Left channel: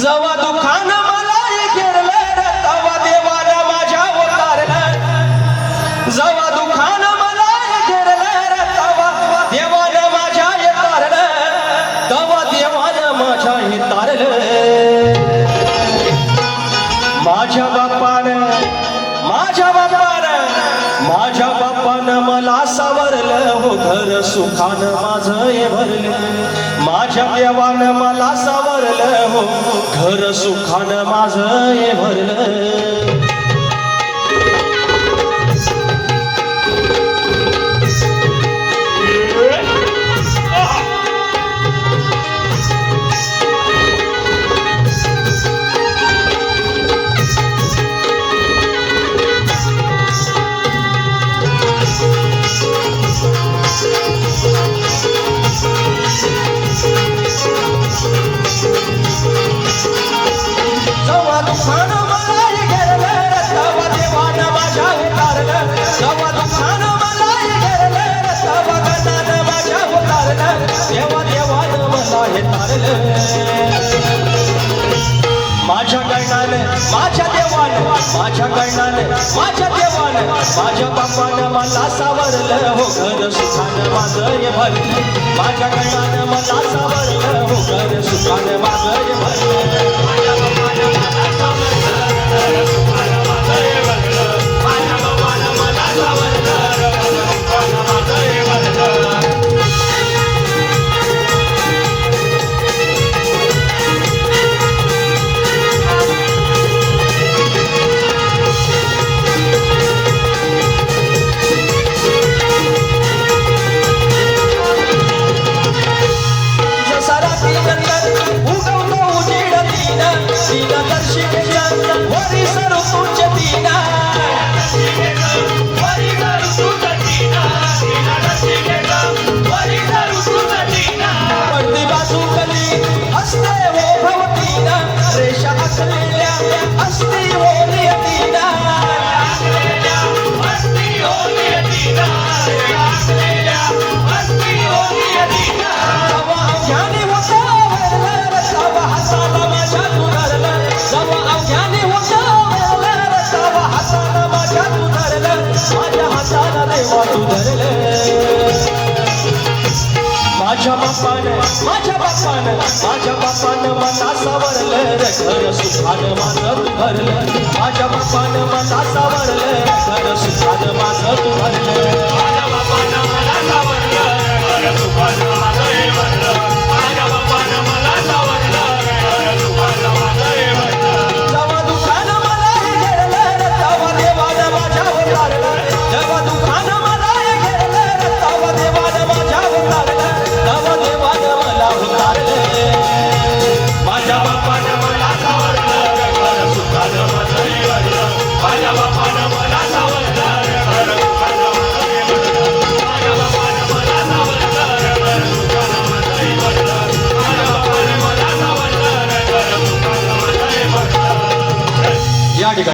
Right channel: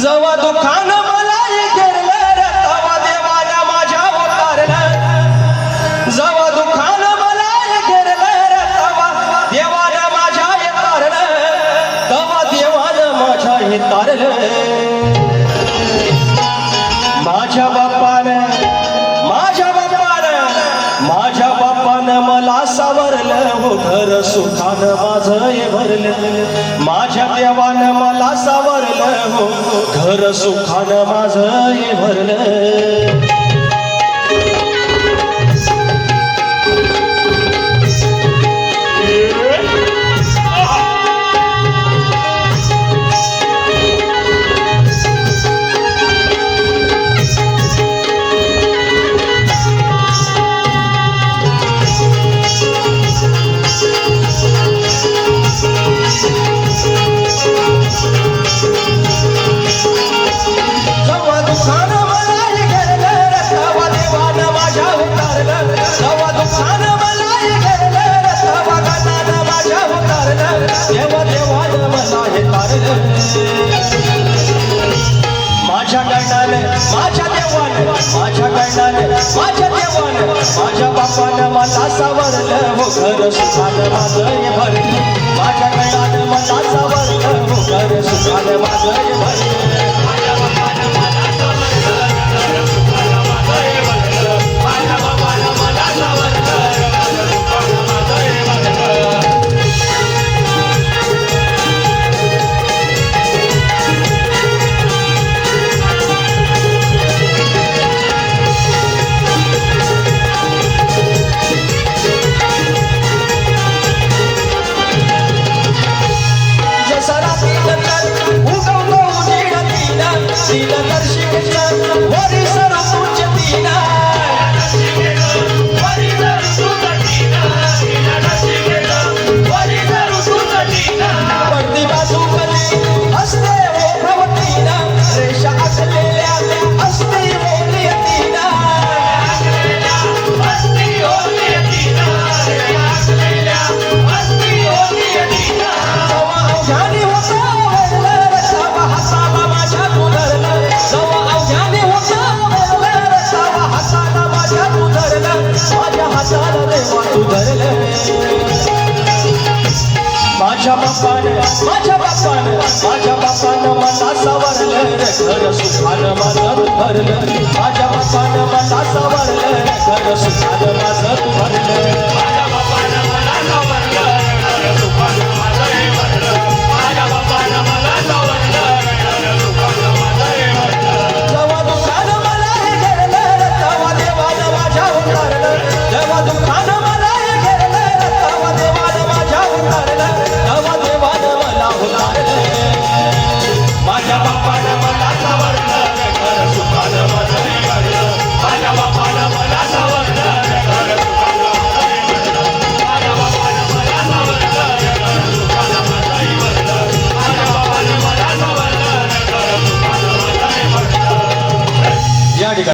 जवा दुखान मला घेरलं रे तवा देवानं माझ्या उतारलं जवा दुखान मला घेरलं रे तवा देवानं माझ्या तारलं तवा देवानं माझ्या तारलं माझ्या बापानं मला सावरलं हो घर सुखानं माझं हे भरलं माझ्या देवानं मला सावरलं हो घर सुखानं माझं हे भरलं माझ्या बापानं मला सावरलं हो घर सुखानं माझं हे भरलं माझ्या गणानं मला सावरलं हो घर सुखानं माझं हे भरलं माझ्या बापानं मला सावरलं घर सुखानं माझं भरलं माझ्या बापानं मला सावरलं घर सुखानं माझं भरलं